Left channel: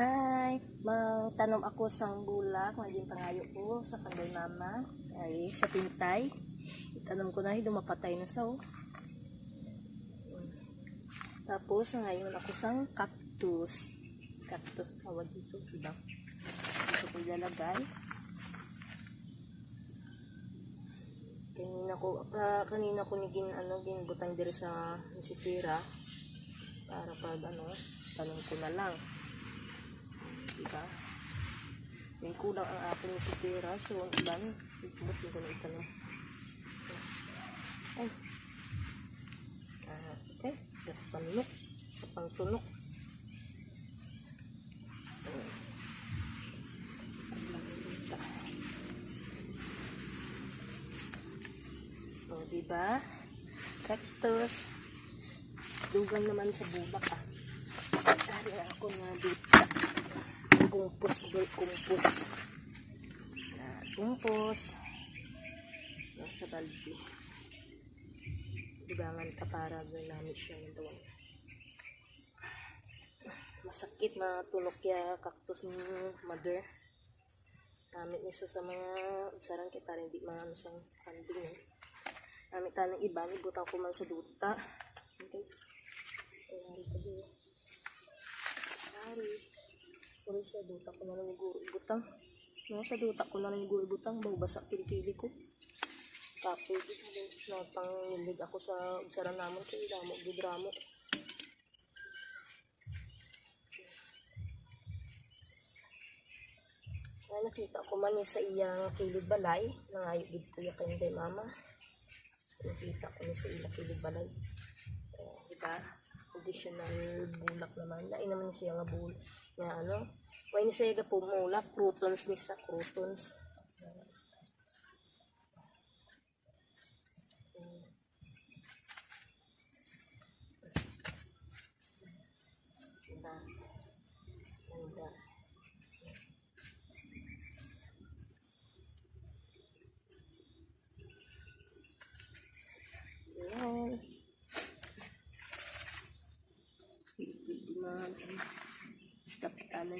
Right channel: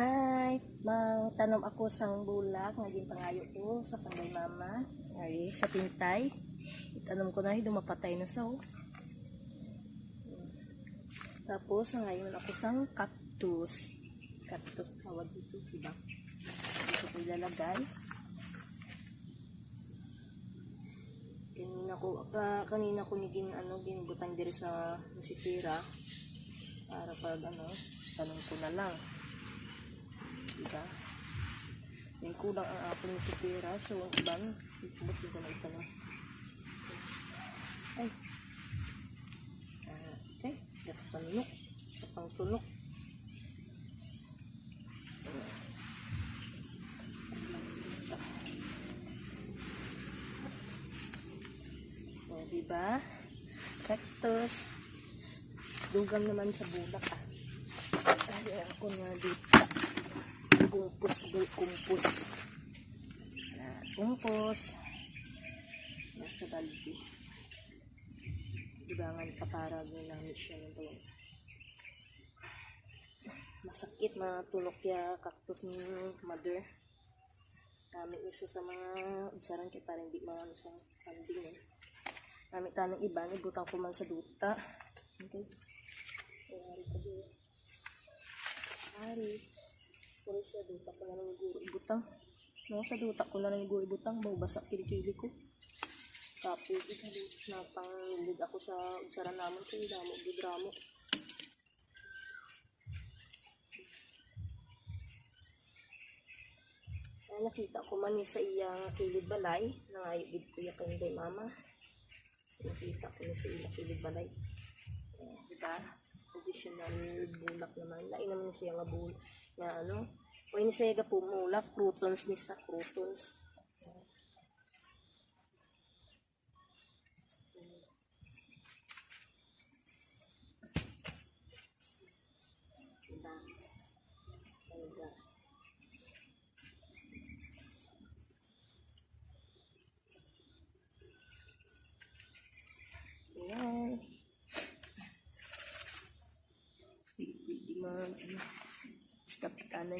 Hi! Magtanom ako sang bulak, maging pangayo ko sa kanday mama. Ay, sa tintay. Itanom ko na, dumapatay na sa oh. Tapos, ngayon ako sang cactus. Cactus tawag dito, diba? Dito ko ilalagay. Kanina ko, ka, kanina ko ni gin, ano, ginbutang diri sa sipira para pag ano, tanong ko na lang. Diba? May kulang ang apple ni sipira, so ang iban, ibut ko na itanong. Ay. Ah, okay. Dapat panunok. Pang tunok. O, diba? Cactus. Dugang naman sa bulak ah. Ari ako na dito. Kumpus ba kumpus? Na kumpus. Nasa baldi. Dibangan ka para ginamit siya ng tawag. Masakit matulok ya cactus ni mother. Gamit niya sa mga usaran kay para hindi maano sang panding eh. Gamit tayo ng iba, ibutang ko man sa duta. Okay. Ayari ka din. Kung siya duta ko na lang iguro ibutang. No, sa duta ko na lang iguro ibutang. Bawa basa pili-pili ko. Kapil, na pang nilig ako sa usaran naman kay damo, gidramo. Ay, nakita ko man sa iyang kilid balay. Nangayo gid ko ya kay day mama. Nakita ko ni sa iyang kilid balay. Eh, diba? Additional bulak naman. Lain naman siya nga bul niya ano when siya ga pumula protons ni sa protons Ayan. Diba? Diba? Big, big demand. and